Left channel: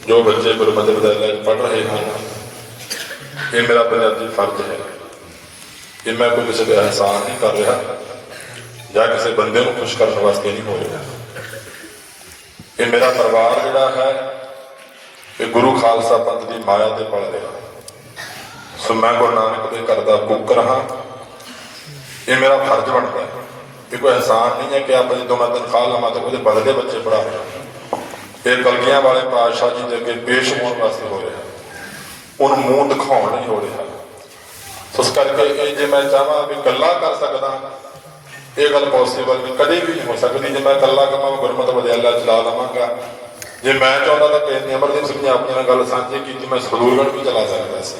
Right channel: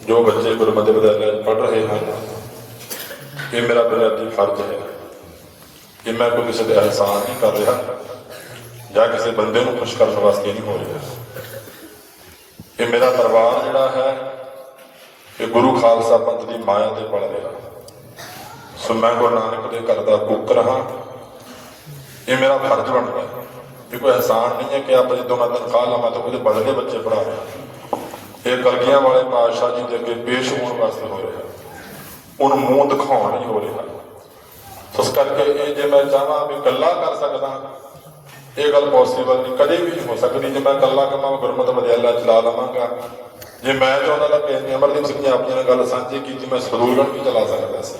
ਜੋ ਬੱਚੇ ਗੁਰਮਤਿ ਵਿਦਿਆਲਿਆ ਚ ਪੜ੍ਹ ਰਹੇ ਹਨ, ਇਹ ਮੇਰਾ ਬੁਨਿਆਦੀ ਫਰਜ਼ ਹੈ ਇਹ ਮੈਂ ਕੋਈ ਕਿਸੇ ਦਾ ਅਹਿਸਾਨ ਨਹੀਂ ਕਰ ਰਿਹਾ ਜਾਂ ਕਿਸੇ ਬੰਦੇ ਨੂੰ ਖੁਸ਼ ਕਰਨ ਵਾਸਤੇ ਨਹੀਂ ਹੋ ਰਿਹਾ। ਇਹ ਮੇਰਾ ਪਰਿਵਾਰ ਜਿਹੜਾ ਹੈ, ਇਹ ਗੁਰੂ ਖਾਲਸਾ ਪੰਥ ਦੀ ਮਾਇਆ ਦੇ ਪਲ ਰਿਹਾ ਸੋ ਮੈਂ ਗੁਰੂ ਨਾਨਕ ਦੇ ਘਰ ਦਾ ਕੁੱਕਰ ਹਾਂ। ਇਹ ਮੇਰਾ ਫਰਜ਼ ਬਣਦਾ ਹੈ ਇਹ ਕੋਈ ਅਹਿਸਾਨ ਨਹੀਂ ਹੈ ਕਿ ਆਪਾਂ ਜਦੋਂ ਮੈਂ ਤਨਖਾਹ ਲਵਾਂ ਤਾਂ ਉਹਦੇ ਬਦਲੇ ਬੱਚੇ ਪੜਾ ਇਹ ਕਲਗੀਆਂ ਵਾਲੇ ਪਾਤਸ਼ਾਹ ਜੀ ਦੇ ਅੱਗੇ ਪੇਸ਼ ਹੋਣ ਵਾਸਤੇ ਹੋ ਰਿਹਾ। ਉਹਨੂੰ ਮੂੰਹ ਦਿਖਾਉਣ ਨਹੀਂ ਹੋ ਰਿਹਾ। ਉਸ ਕਰਕੇ ਇਹ ਜੇ ਮੈਂ ਚਾਹਾਂ ਵੀ ਗੱਲਾਂ ਕਰ ਸਕਦਾ, ਇਹ ਗੱਲ ਪੋਸੀਬਲ ਨਹੀਂ, ਕਦੇ ਵੀ ਨਹੀਂ ਹੋ ਸਕਦੀ। ਜੇ ਮੈਂ ਗੱਲਾਂ ਕਰਾਂ ਗੁਰਮਤਿ ਵਿਦਿਆਲਾ ਚਲਾ ਦਵਾਂਗਾ। ਜੇ ਮੈਂ ਚਾਹੁੰਦਾ ਤਾਂ ਕਿ ਅਮਰਦੀਪ ਸਿੰਘ ਜੀ ਆਪਣੀ ਨਾਲ ਗੱਲ ਸਾਂਝੀ ਕੀਤੀ, ਮੈਂ ਸਦੂਰਗੜ੍ਹ ਵੀ ਚਲਾ ਸਕਦਾ ਸੀ।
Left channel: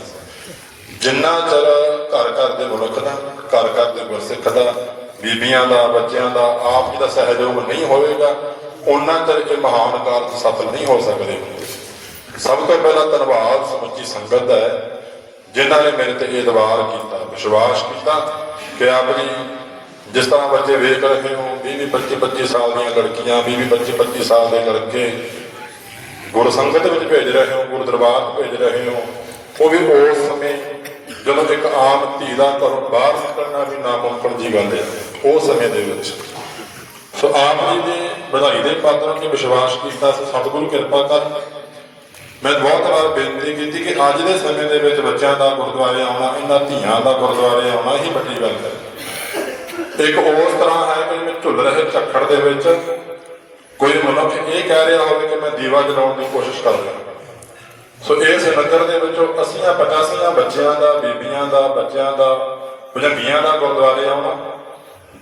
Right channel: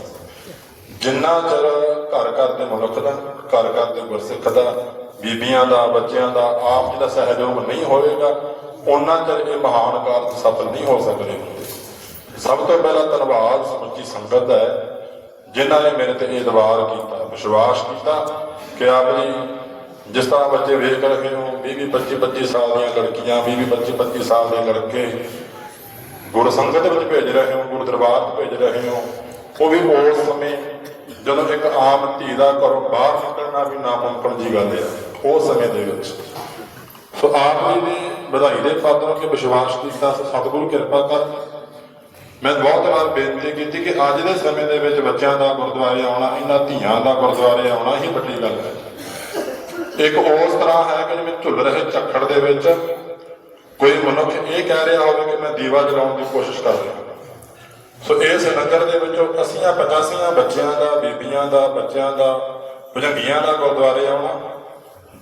ਜਿੰਨਾ ਚਿਰ ਘਰ ਘਰ ਦੇ ਮੁਲਕ ਦਾ, ਘਰ ਘਰ ਦੇ ਗੁਰਸਿੱਖ ਦਾ, ਬੀਬੀਆਂ ਦਾ, ਬੱਚਿਆਂ ਦਾ, ਆਪ ਜੀ ਦਾ ਸਹਿਯੋਗ ਨਹੀਂ ਹੋਵੇਗਾ ਉਹਨਾਂ ਕਰਕੇ ਮਹਾਨ ਕਾਰਜ ਸਫਲ ਨਹੀਂ ਹੋ ਸਕਦੇ। ਸਭ ਤੋਂ ਪਹਿਲਾਂ ਧੰਨਵਾਦ ਸਮੁੱਚੀ ਸੰਗਤ ਦਾ ਹੈ, ਜਿਨ੍ਹਾਂ ਨੇ ਮੇਰੇ ਤੇ ਇਹ ਦਵਾਰ ਕੀਤਾ, ਵਿਸ਼ਵਾਸ ਕੀਤਾ ਕਿ ਆਪ ਜੀ ਜਿਸ ਤਰ੍ਹਾਂ ਬੱਚੇ ਵੇਖ ਰਹੇ ਹੋ 20 25 25 ਸਾਲ ਦੀਆਂ ਲੜਕੀਆਂ 20 25 25 ਸਾਲ ਦੇ ਲੜਕੇ ਗੁਰ ਸੰਗਤ ਵਿੱਚ ਭੇਜ ਰਹੇ ਹੋ, ਗੁਰ ਦਰਬਾਰ ਭੇਜ ਰਹੇ ਹੋ, ਉਹ ਵੀ ਉਸ ਸਮੇਂ ਜਦੋਂ ਇੱਕ ਆਮ ਧੀ ਦਾ ਘਰੋਂ ਬਾਹਰ ਨਿਕਲਣਾ ਵੀ ਨਾਮੁਮਕਿਨ ਜੀ ਬੰਦੇ ਉਸ ਸਮੇਂ ਦੇ ਵਿੱਚ। ਸੋ ਆਪ ਜੀ ਦੇ ਵਧਾਈ ਦੇ ਪਾਤਰ ਕਿ ਵਿਸ਼ਵਾਸ ਕੀਤਾ ਸਤਿਗੁਰੂ ਕਿਰਪਾ ਕਰ। ਮੈਂ ਬਹੁਤ ਵਾਰ ਬੇਨਤੀ ਕੀਤੀ ਕਿ ਅੱਜ ਦੇ ਸਮੇਂ ਦੇ ਵਿੱਚ ਬੱਚਿਆਂ ਦਾ ਗੁਰਦੁਆਰੇ ਆਉਣਾ, ਇਹਨਾਂ ਧੀਆਂ ਦਾ ਗੁਰਦੁਆਰੇ ਆਉਣਾ ਹੀ ਵੱਡੀ ਗੱਲ ਹੈ। ਇੱਕ ਉਸ ਤਰ੍ਹਾਂ ਹੈ ਕਿ ਜਿਵੇਂ ਝੁੱਲ ਰਹੇ ਝੱਖੜ ਦੇ ਵਿੱਚ ਕੋਈ ਮਨੁੱਖ ਇਹ ਕਹਿ ਰਿਹਾ ਹੋਵੇ ਕਿ ਮੈਂ ਦੀਵਾ ਜਲਾਉਣ ਦੀ ਕੋਸ਼ਿਸ਼ ਕਰ ਰਿਹਾ। ਸੋ ਇਸ ਨਗਰ ਦੇ ਵਿੱਚੋਂ ਅੱਸੀਆਂ, ਪਚਾਸੀਆਂ ਬੱਚਿਆਂ ਦਾ, ਬੀਬੀਆਂ ਦਾ, ਬੱਚਿਆਂ ਦਾ, ਭਜੰਗੀਆਂ ਦਾ ਗੁਰਦੁਆਰੇ ਆਉਣਾ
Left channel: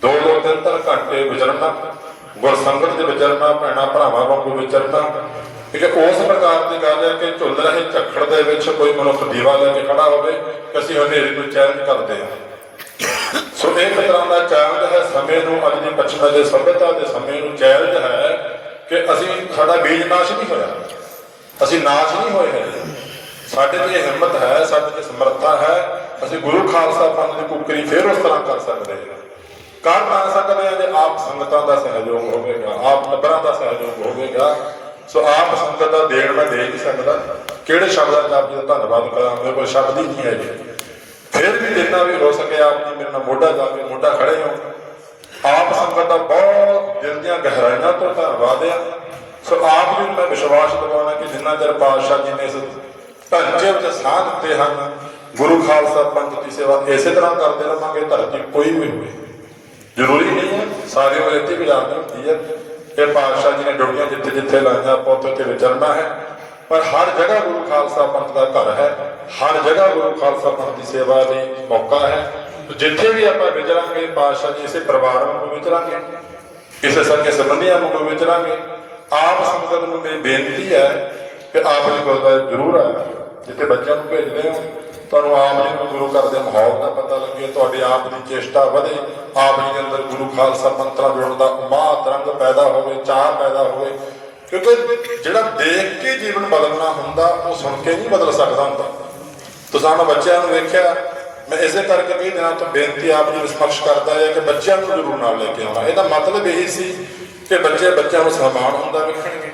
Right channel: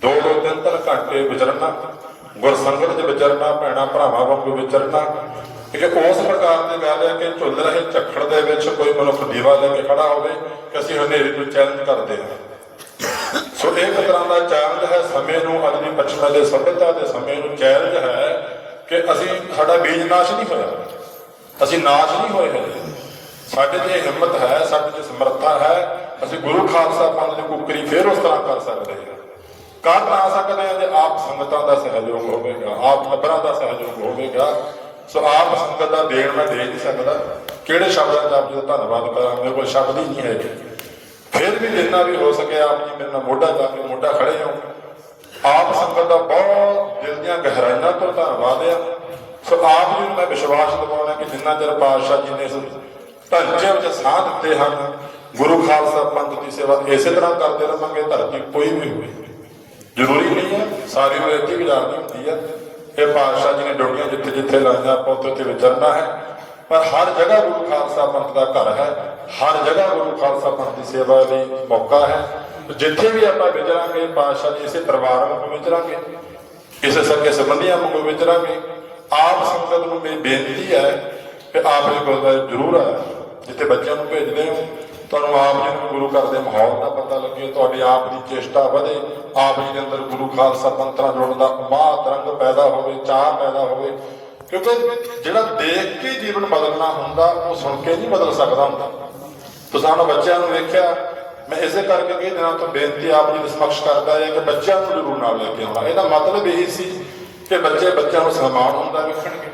ਦੋ ਦੋ ਤਿੰਨ ਤਿੰਨ ਘੰਟੇ ਵਿਚਰਨਾ ਗੁਰਸੰਗਤ ਦੇ ਵਿਚਰਨਾ, ਭੈਣਾ, ਭਰਾਵਾਂ ਵਾਂਗੂ ਵਿਚਰਨਾ। ਕਿ ਉਸ ਪ੍ਰਕਾਰ ਦੀ ਗੱਲ ਹੈ ਕਿ ਝੁੱਲ ਰਹੇ ਝੱਖੜ ਦੇ ਵਿੱਚ ਕੋਈ ਮਨੁੱਖ ਦੀਵਾ ਲੈ ਕੇ ਖੜਾ ਹੋਵੇ ਕਿ ਅਸੀਂ ਹਨੇਰੇ ਨੂੰ ਚੈਲੰਜ ਕਰਦੇ ਹਾਂ। ਸੋ ਇਹ ਤਰ੍ਹਾਂ ਦਾ ਚੈਲੰਜ ਹੈ, ਸਮੇਂ ਨੂੰ ਅੱਜ ਦੀ ਪੱਛਮ ਦੇ ਸਭਿਅਤਾ ਦੇ ਸਮੇਂ ਨੂੰ ਚੈਲੰਜ ਹੈ ਕਿ ਅਸੀਂ ਸਾਡਾ ਬੀਜ ਨਾਸ਼ ਨਹੀਂ ਹੋਇਆ। ਅਸੀਂ ਨਾਸ਼ ਨਹੀਂ ਹੋਏ ਹੈ ਸਾਡੇ 'ਚ ਹਿੰਮਤ ਹੈ, ਸਾਡੇ 'ਚ ਸਮਰੱਥਾ ਹੈ। ਅਸੀਂ ਗੁਰੂ ਖਾਲਸਾ ਪੰਥ ਦੀ ਕੁੱਕਰੀ ਫੇਰ ਉਸ ਤਰ੍ਹਾਂ ਕਰ ਸਕਦੇ ਹਾਂ। ਕਰ ਨਾ ਸਕਦੇ ਹਾਂ ਜੇ ਆਪ ਸੰਗਤਾਂ ਦਾ ਸਹਿਯੋਗ ਹੋਵੇਗਾ, ਆਪ ਟੱਬਰਾਂ ਦਾ ਸਹਿਯੋਗ ਹੋਵੇਗਾ। ਸੋ ਆਪ ਸੰਗਤ ਦਾ ਦੇਣ ਮੈਂ ਦੇ ਨਹੀਂ ਸਕਦਾ। ਕਿਹੜੇ ਸ਼ਬਦਾਂ ਦਾ ਆਪ ਜੀ ਦਾ ਧੰਨਵਾਦ ਕਰਾਂ ਮੇਰੇ ਕੋਲ ਸ਼ਬਦ ਹੀ ਨਹੀਂ ਹੈਗੇ। ਫਿਰ ਵੀ ਜਿੰਨਾ ਵੀ ਹੋ ਸਕੇ ਆਪ ਜੀ ਮੇਰੇ ਨਾਲ ਮੋਢਾ ਜਾ ਕੇ ਮੋਢਾ ਖੜੇ ਹੋ। ਆਪ ਸੰਗਤ ਦਾ ਬਹੁਤ ਦਿਲ ਦੀਆਂ ਗਹਿਰਾਈਆਂ ਤੋਂ ਧੰਨਵਾਦ ਆ। ਸੋ ਆਪ ਜੀ ਨੂੰ ਮੈਂ ਵਿਸ਼ਵਾਸ ਦਿਵਾਉਣਾ ਕਿ ਜਿੰਨਾ ਚਿਰ ਪਾਤਸ਼ਾਹ ਜੀ ਨੇ ਇਸ ਢਾਂਚੇ ਵਿੱਚ ਸਾਹ ਦਿੱਤੇ ਹਨ, ਗੁਰੂ ਖਾਲਸਾ ਪੰਥ ਦੀ ਸੇਵਾ ਇਸੇ ਤਰ੍ਹਾਂ ਕਰਦੇ ਰਹਾਂਗੇ, ਧਰਤੀ ਕੋਈ ਵੀ ਹੋਵੇ। ਜ਼ਰੂਰੀ ਨਹੀਂ ਹੈ। ਸਾਰੇ ਉਹ ਇੱਥੇ ਗੁਜ਼ਾਰਨੀ ਹੁੰਦੀ ਹੈ। ਇਹ ਪਾਤਸ਼ਾਹ ਜੀ ਨੇ ਡੁੱਡੀਆਂ ਜਿੱਥੇ ਜਿੱਥੇ ਲਾਈਆਂ, ਆਪਾਂ ਉੱਥੇ ਉੱਥੇ ਵਿਚਰਨਾ ਹੈ। ਪਰ ਹਰ ਜਗ੍ਹਾ ਗੁਰੂ ਖਾਲਸਾ ਪੰਥ ਦਾ ਘਰ ਹੈ। ਹਰ ਜਗ੍ਹਾ ਗੁਰੂ ਖਾਲਸਾ ਪੰਥ ਦੀ ਸੇਵਾ ਲਈ ਮੌਕਾ ਹੈ। ਜਿੱਥੇ ਵੀ ਆਪਾਂ ਵਿਚਰਾਂਗੇ, ਪਾਤਸ਼ਾਹ ਜੀ ਇਸੇ ਪਰਿਵਾਰ ਵਾਂਗੂ ਵਿਚਰਾਂਗੇ। ਕਿਸੇ ਸੱਚੇ ਸੰਬੰਧੀਆਂ ਵਾਂਗੂ ਵਿਚਰਾਂਗੇ। ਆਪ ਸੰਗਤ ਨੂੰ ਮੇਰੀ ਬੇਨਤੀ ਹੈ ਕਿ ਆਪ ਜੀ ਗੁਰਦੁਆਰੇ ਜ਼ਰੂਰ ਆਇਆ ਜਿੱਥੇ ਬੱਚਿਆਂ ਨੂੰ ਭੇਜਦੇ ਹੋ ਤੁਹਾਨੂੰ ਆਪ ਜੀ ਨੂੰ ਗੁਰੂ ਘਰ ਦੇ ਮਾਹੌਲ ਦਾ ਪਤਾ ਲੱਗੇ, ਤੁਹਾਡੇ ਆਪ ਦੀ ਚੇਸ਼ਟਾ ਵਧੇ, ਆਪ ਜੀ ਦੇ ਅੰਦਰ ਗੁਰੂ ਖਾਲਸਾ ਮੰਤਰਾਂ ਜੁੜਨ ਦਾ ਮਾਹ ਤਰੰਗ ਪੈਦਾ ਹੋਵੇ ਚਾਹ ਪੈਦਾ ਹੋਵੇ। ਕਿਉਂਕਿ ਜਿਹੜਾ ਦੇਖ ਕੇ ਜੀਵਨ ਬਦਲਣਾ ਹੁੰਦਾ, ਉਹ ਸੁਣ ਕੇ ਨਹੀਂ ਬਦਲ ਸਕਦਾ ਹੁੰਦਾ। ਤੁਸੀਂ ਮੈਂ ਬੱਚਿਆਂ ਨੂੰ ਵੇਖਿਆ, ਮੈਂ ਇਸੇ ਕਰਕੇ ਕਈ ਦਿਨਾਂ ਤੋਂ ਬੇਨਤੀ ਆਪ ਜੀ ਨੂੰ ਸਮਕਸ਼ ਕਰਦਾ ਹੈ ਕਿ ਬੱਚਿਆਂ ਨੂੰ ਗੁਰੂ ਨਾਲ ਲੈ ਕੇ ਆਉਣਾ। ਇਹਦਾ ਮਤਲਬ ਇਹੀ ਸੀ ਕਿ ਬੱਚੇ ਬੱਚਿਆਂ ਨੂੰ ਸਨਮਾਨ ਹੁੰਦਾ ਵੇਖਣਗੇ।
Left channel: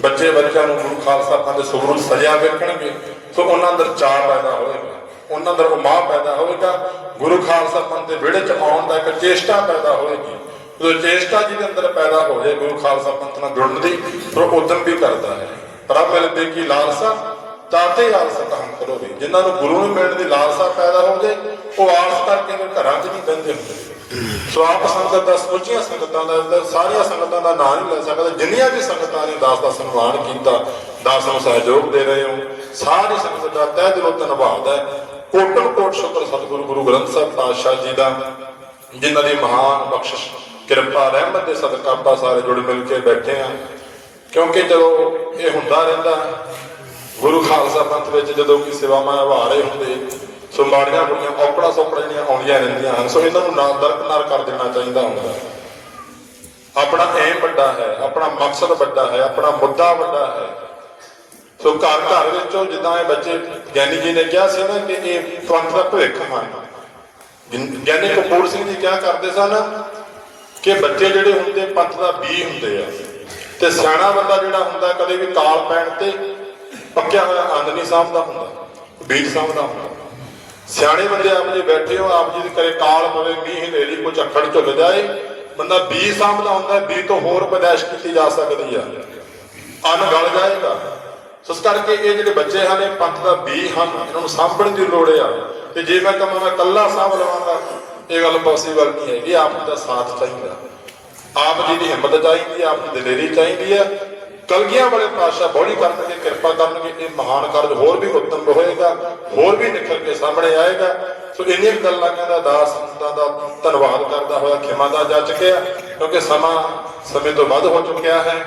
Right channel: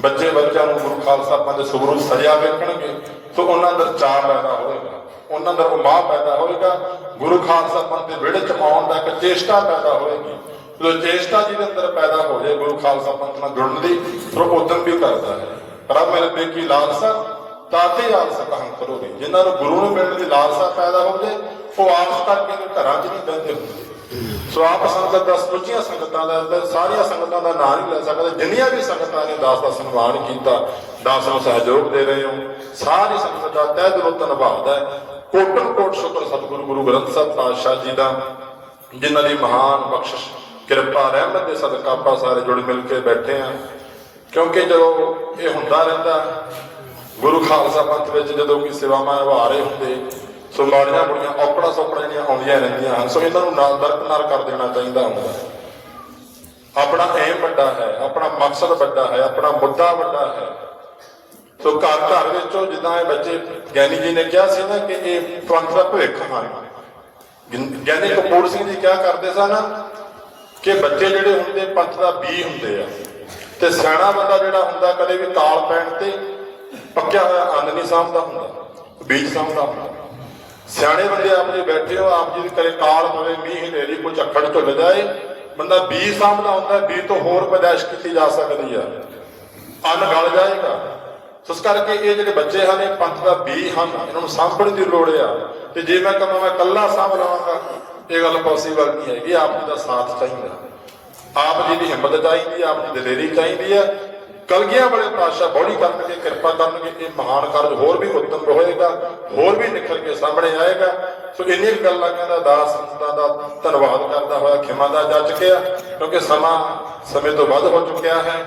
ਬੱਚੇ ਬੱਚਿਆਂ ਨੂੰ ਗੁਰੂ ਖਾਲਸਾ ਪੰਥ ਦੇ ਸੁਭਰੂ ਸਜਿਆ ਵੇਖਣਗੇ। ਸੋ ਉਹਨਾਂ ਅੰਦਰ ਚਾਅ ਪੈਦਾ ਹੋਏਗਾ ਉਹਨਾਂ ਅੰਦਰ ਉਮਾਹ ਪੈਦਾ ਹੋਏਗਾ ਗੁਰੂ ਖਾਲਸਾ ਪੰਥ ਦੇ ਵਿਹੜੇ ਚ ਆਉਣ ਦਾ ਇੱਕ ਚੇਸ਼ਟਾ ਪੈਦਾ ਹੋਵੇਗੀ। ਜਦੋਂ ਚੇਸ਼ਟਾ ਜਿਹਦੇ ਅੰਦਰ ਪੈਦਾ ਹੋ ਜਾਏ, ਗੁਰੂ ਖਾਲਸਾ ਪੰਥ ਨਾਲ ਜੁੜਨ ਦੀ, ਫਿਰ ਉਦਮ ਵੀ ਕਰਦਾ ਹੈ। ਪ੍ਰਭ ਮਿਲ ਦੇ ਲਾਲਸਾ ਤਾਤੇ ਆਲਸਾ ਤਾਂ ਕਰੋਗੇ ਜਿਨ੍ਹਾਂ ਨੂੰ ਗੁਰੂ ਨੂੰ ਮਿਲਣ ਦੀ ਲਾਲਸਾ ਪੈਦਾ ਹੋ ਜਾਏ, ਉਹ ਆਲਸ ਕਰਕੇ ਵੀ ਘਰਾਂ 'ਚ ਨਹੀਂ ਬਹਿੰਦੇ ਹੁੰਦੇ। ਸੋ ਆਪ ਸੰਗਤ ਦਾ, ਸਮੁੱਚੀਆਂ ਸੰਗਤਾਂ ਦਾ ਸਾਰੀਆਂ ਸੰਗਤਾਂ ਦਾ ਨਾਂ ਨਹੀਂ ਲੈ ਸਕਦਾ। ਜਿੰਨੀਆਂ ਵੀ ਸੰਗਤਾਂ ਨੇ ਦਾਸ ਦਾ ਸਨਮਾਨ ਕੀਤਾ, ਦਾਸ ਨੂੰ ਸਹਿਯੋਗ ਦੇ ਰਹੇ ਹੋ। ਸਾਰੀ ਸੰਗਤ ਦਾ ਤਹਿ ਦਿਲੋਂ ਧੰਨਵਾਦ ਹੈ। ਕੋਟਨ ਕੋਟ ਸ਼ੁਕਰ ਸਤਿਗੁਰੂ ਗੁਰੂ ਗ੍ਰੰਥ ਸਾਹਿਬ ਪਾਤਸ਼ਾਹ ਜੀ ਦਾ, ਜਿਨ੍ਹਾਂ ਦੀ ਮਹਾਨ ਬਖਸ਼ਿਸ਼, ਕਿਰਪਾ, ਰਹਿਮਤ ਦੇ ਸਦਕਾ ਆਪਾਂ ਸਾਰੇ ਜੁੜ ਮਿਲ ਕੇ ਬੈਠੇ ਆ ਕਿਉਂਕਿ ਜਦੋਂ ਇਹ ਹੁੰਦਾ ਰਹਿੰਦਾ, ਗੁਰੂ ਖਾਲਸਾ ਪੰਥ ਵਿੱਚ ਜਦੋਂ ਵੀ ਸੇਵਾਵਾਂ ਨਿਭਾ ਰਹੇ ਹੁੰਦੇ, ਸੋ ਮਾੜੀਆਂ ਬੁੜੀਆਂ ਔਕੜਾਂ ਸੌਕੜਾ ਜਿਹੜੀਆਂ ਆਉਂਦੀਆਂ ਰਹਿੰਦੀਆਂ ਹਨ, ਸੋ ਇਹਨਾਂ ਨੂੰ ਨਾਲ ਦਰਕਨਾਰ ਕਰ ਦੇਣਾ ਚਾਹੀਦਾ ਹੁੰਦਾ ਹੈ। ਆਪਣਾ ਏਮ ਵੱਡਾ ਹੈ, ਆਪਣਾ ਮਕਸਦ ਵੱਡਾ ਹੈ, ਆਪਣਾ ਮੁੱਦਾ ਵੱਡਾ ਹੈ। ਸੋ ਘਰ ਘਰ ਵਿੱਚੋਂ ਜਿੱਦਾਂ ਇਹ ਬੱਚੇ ਗਿਆਨੀ ਜੀ ਨੇ ਕਿਹਾ ਸੀ ਨਾ ਕਿ ਇਹ ਪੰਥ ਦਾ ਭਵਿੱਖ ਹਨ। ਗਿਆਨੀ ਕਪੂਰ ਸਿੰਘ ਜੀ ਕਿਹਾ ਕਰਦੇ ਸਨ ਕਿ ਬੱਚੇ ਜਿਹੜੇ ਹੁੰਦੇ ਪੰਥ ਦਾ ਬੀ ਹੁੰਦੇ ਆ ਤੇ ਸਿਆਣਾ ਬੰਦਾ ਜਿਹੜਾ ਹੁੰਦਾ ਕਦੇ ਵੀ ਤਾਲ ਪੈਣ ਤੇ ਪੱਕਿਆ ਹੋਇਆ ਅੰਨ ਨਹੀਂ ਸਾਂਭਦਾ ਹੁੰਦਾ, ਬੀਜ ਸਾਂਭਦਾ ਹੁੰਦਾ। ਸਿਆਣੇ ਬੰਦੇ ਆਪ ਜੀ ਬੈਠੇ ਹੋ, ਆਪ ਜੀ ਦੇ ਕਰੇ ਕਾਲ ਪਵੇ, ਮੀਂਹ ਹਨੇਰੀ ਕੋਈ ਝੱਖੜ ਝੁੱਕ ਜਾਏ, ਬੰਦਾ ਬੀਜ ਸਾਂਭਦਾ ਹੁੰਦਾ, ਬੀਜ ਤੋਂ ਹੋਰ ਪੈਦਾਇਸ਼ ਕੀਤੀ ਜਾ ਸਕਦੀ ਆ। ਅੰਨ ਗਲ ਜਾਏਗਾ। ਸੋ ਇਸ ਕਰਕੇ ਇਹ ਜਿਹੜੇ ਬੱਚੇ ਹਨ, ਇਹ ਪੰਥ ਦਾ ਬੀ ਹਨ, ਇਹਨਾਂ ਨੂੰ ਸਾਂਭਣ ਦੀ ਲੋੜ ਆ। ਤੇ ਜੇ ਮੈਂ ਕਹਾਂ, ਮੈਂ ਕੱਲਾ ਸਾਂਭ ਲਵਾਂਗਾ, ਇਹ ਗੱਲ ਪੋਸੀਬਲ ਨਹੀਂ ਹੈਗੀ, ਆਪ ਜੀ ਦਾ ਸਾਥ ਚਾਹੀਦਾ। ਆਪ ਜੀ ਦੀ ਹਿੰਮਤ ਚਾਹੀਦੀ ਆਪ ਦੀ ਦਲੇਰੀ ਚਾਹੀਦੀ ਹੈ ਕਲਗੀਆਂ ਵਾਲੇ ਪਾਤਸ਼ਾਹ ਬੋੜੀ ਕਰਨਗੇ, ਕਿਰਪਾ ਕਰਨਗੇ, ਇਹ ਮਹਾਨ ਕਾਰਜ ਹੋਰ ਵੀ ਉੱਤਮ ਹੋਏਗਾ, ਹੋਰ ਵੀ ਨਿਕਲ ਕੇ ਸਾਹਮਣੇ ਆਏਗਾ। ਸੋ ਇੰਨੀਆਂ ਗੱਲਾਂ ਕਹਿੰਦਾ, ਦਾਸ ਸੰਤਾਂ ਦਾ ਧੰਨਵਾਦ ਕਰਦਾ ਹੋਇਆ, ਖਿਮਾ ਦਾ ਜਾ ਚੁੱਕਿਆ ਕਿਉਂਕਿ ਸਮਾਂ ਸਮੇਂ ਤੋਂ ਵੱਧ ਹੋ ਚੁੱਕਿਆ ਹੈ।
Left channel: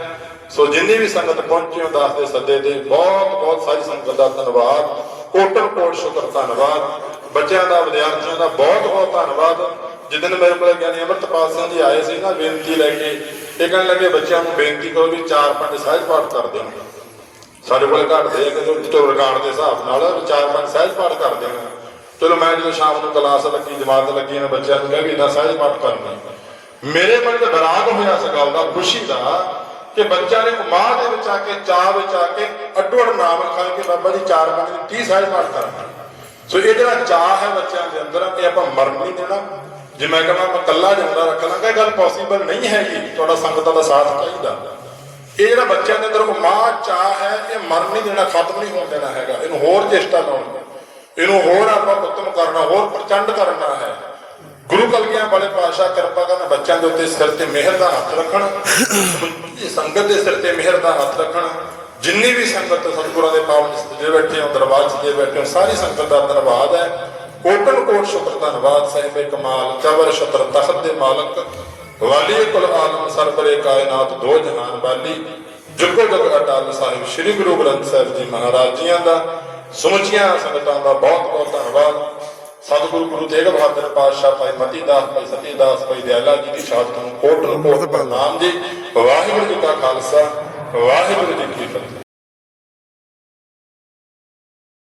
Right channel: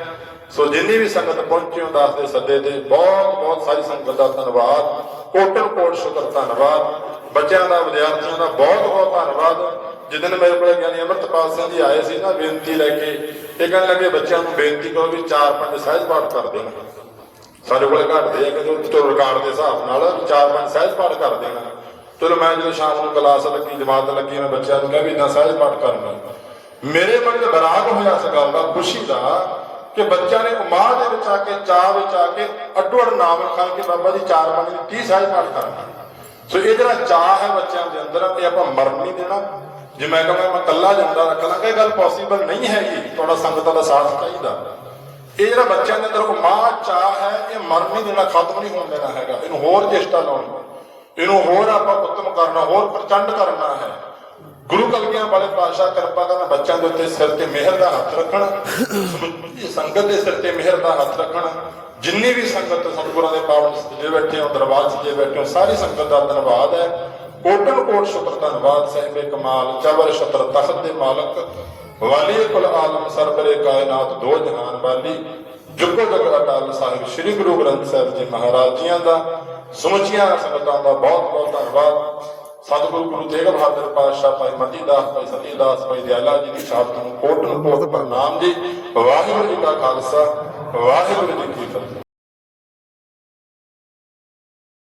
ਸੋ ਜਿੰਨੀ ਵੀ ਸੰਗਤ ਪਹੁੰਚੀ ਹੋ ਦਾਸ ਦੇ ਸੱਦੇ ਤੇ ਬਹੁਤ ਬਹੁਤ ਸਾਰੀ ਸੰਗਤ ਦਾ ਧੰਨਵਾਦ। ਕੋਟਨ ਕੋਟ ਸ਼ੁਕਰ, ਧੰਨਵਾਦ। ਬੱਚਿਆਂ ਦਾ, ਵਿਦਿਆਰਥੀਆਂ ਦਾ ਬਹੁਤ ਬਹੁਤ ਧੰਨਵਾਦ। ਜਿੱਦਨ ਮੇਰੇ ਕੋਲ ਗਿਆਨੀ ਅਮਰਤਪਾਲ ਸਿੰਘ ਜੀ ਆਏ ਸੀ ਨਾ, ਬੇਨਤੀ ਲੈ ਕੇ, ਇਹ ਕਹਿਣ ਲੱਗੇ, ਬੱਚਿਆਂ ਨੂੰ ਬੇਨਤੀ ਕਰੋ ਵੀ ਚਾਰ ਪੰਜ ਸਹਿਜ ਪਾਠ ਕਰ ਦੇਣ। ਸਾਡੇ ਕੋਲ ਘਟਦੇ ਆ ਕਿ ਤੋਂ ਰਿਕਾਰਡ ਦੇ ਹਿਸਾਬ ਨਾਲ ਵੀ ਚਾਰ ਪੰਜ ਸਹਿਜ ਪਾਠ ਕਰ ਦੇਣਾ। ਚਲੋ ਮੈਂ ਜਦੋਂ ਸ਼ਾਮ ਨੂੰ ਕਲਾਸ ਲੱਗੀ, ਜਮਾਤ ਲੱਗੀ ਮੈਂ ਬੱਚਿਆਂ ਨੂੰ ਕਿਹਾ ਵੀ ਇੰਨਾ ਸਹਿਜ ਪਾਠ ਕਰਨਾ। ਮੇਰੇ ਮਨ 'ਚ ਬਰਾਗ ਹੋਇਆ ਇਸ ਗੱਲ ਦਾ, ਖੁਸ਼ੀ ਦਾ। ਕਿ ਬੱਚਿਆਂ ਨੇ ਉਮਾਦ ਦੇ ਵਿੱਚ ਆ ਕੇ, ਚਾਹ ਵਿੱਚ ਆ ਕੇ ਅੱਡੋ ਅੱਡ ਨਾਮ ਲਿਖਾਏ ਕਿ ਬਾਬਾ ਜੀ ਚਾਰ ਪੰਜ ਦੀ 30 ਸਹਿਜ ਪਾਠ ਕਰਨਾ ਸੋ ਇਹ ਜਿਹੜਾ ਚਾਹ ਹੈ ਬੱਚਿਆਂ ਦੇ ਅੰਦਰ, ਇਹ ਆਪਾਂ ਮਰਨ ਨਹੀਂ ਦੇਣਾ। ਜੇ ਮੈਂ ਕਹਾਂ, ਮੈਂ ਇਕੱਲਾ ਜਾਂਦਾ ਰੱਖ ਲਾਂਗਾ ਇਹ ਗੱਲ ਪੋਸੀਬਲ ਨਹੀਂ ਹੈਗੀ। ਤੁਹਾਡਾ ਸੰਗਤਾਂ ਦਾ ਸਾਥ ਚਾਹੀਦਾ। ਇਹ ਜਿਹੜਾ ਬੱਚਿਆਂ ਦੇ ਅੰਦਰ ਉਮਾਦ ਚਾਹ ਹੈ, ਇਹ ਮਰਨ ਨਹੀਂ ਦੇਣਾ, ਖਤਮ ਨਹੀਂ ਹੋਣ ਦੇਣਾ ਹੈਗਾ। ਇਹਨੂੰ ਹੋਰ ਚੇਸ਼ਟਾ ਲਾਉਣੀ। ਇਹਨੂੰ ਹੋਰ ਆਪਾਂ ਉੱਤਮ ਕਰਨਾ, ਹੋਰ ਪ੍ਰਚੰਡ ਕਰਨਾ ਹੈ। ਗੁਰੂ ਕਲਗੀਆਂ ਵਾਲੇ ਪਾਤਸ਼ਾਹ ਕਿਰਪਾ ਕਰਨ, ਬੱਚਿਆਂ ਦੇ ਉੱਤੇ ਸਿਰ ਤੇ ਮਿਹਰ ਦਾ ਹੱਥ ਰੱਖਣ ਸੰਗਤ ਦੇ ਸਿਰ ਤੇ ਮਿਹਰ ਦਾ ਹੱਥ ਰੱਖਣ, ਜਿੰਨੀ ਵੀ ਸੰਗਤ ਸਤਿਗੁਰਾਂ ਦੇ ਪਾਵਨ ਸਤਿਜੇ ਬੈਠੇ ਹੋ ਦਰਬਾਰ 'ਚ ਜੇ ਬੈਠੇ ਹੋ ਸਾਰੀ ਸੰਗਤ ਦਾ ਧੰਨਵਾਦ ਹੈ। ਕੋਟਨ ਕੋਟ ਸ਼ੁਕਰ ਧੰਨਵਾਦ, ਸਾਹਿਬੇ ਕਮਾਲ ਚਵਰ ਛਤਰ ਤਖਤ ਦੇ ਮਾਲਕ, ਵਾਲੀ ਕੁਲ ਆਲਮ ਸਰਬਰੇ ਕਾਇਨਾਤ ਦੋ ਜਹਾਨ ਵਾਲੀ, ਜੁਗੋ ਜਗ ਅਟਲ ਸਾਹਿਬ, ਸ੍ਰੀ ਗੁਰੂ ਗ੍ਰੰਥ ਸਾਹਿਬ ਜੀ ਮਹਾਰਾਜ ਜੀਆਂ ਦਾ, ਸਮੁੱਚੀਆਂ ਸੰਗਤਾਂ ਦਾ ਬਹੁਤ ਬਹੁਤ ਧੰਨਵਾਦ। ਸਤਿਗੁਰੂ ਗੁਰੂ ਤੇਗ ਬਹਾਦਰ ਪਾਤਸ਼ਾਹ ਭਾਈ ਮਤੀ ਦਾਸ ਭਾਈ ਸਤੀ ਦਾਸ ਭਾਈ ਦਿਆਲਾ ਜੀ ਦੀ ਸ਼ਹਾਦਤ ਨੂੰ ਕੋਟ ਕੋਟ ਨਾਮ ਜੀ। ਵਾਹਿਗੁਰੂ ਜੀ ਕਾ ਖਾਲਸਾ ਵਾਹਿਗੁਰੂ ਜੀ ਕੀ ਫਤਿਹ।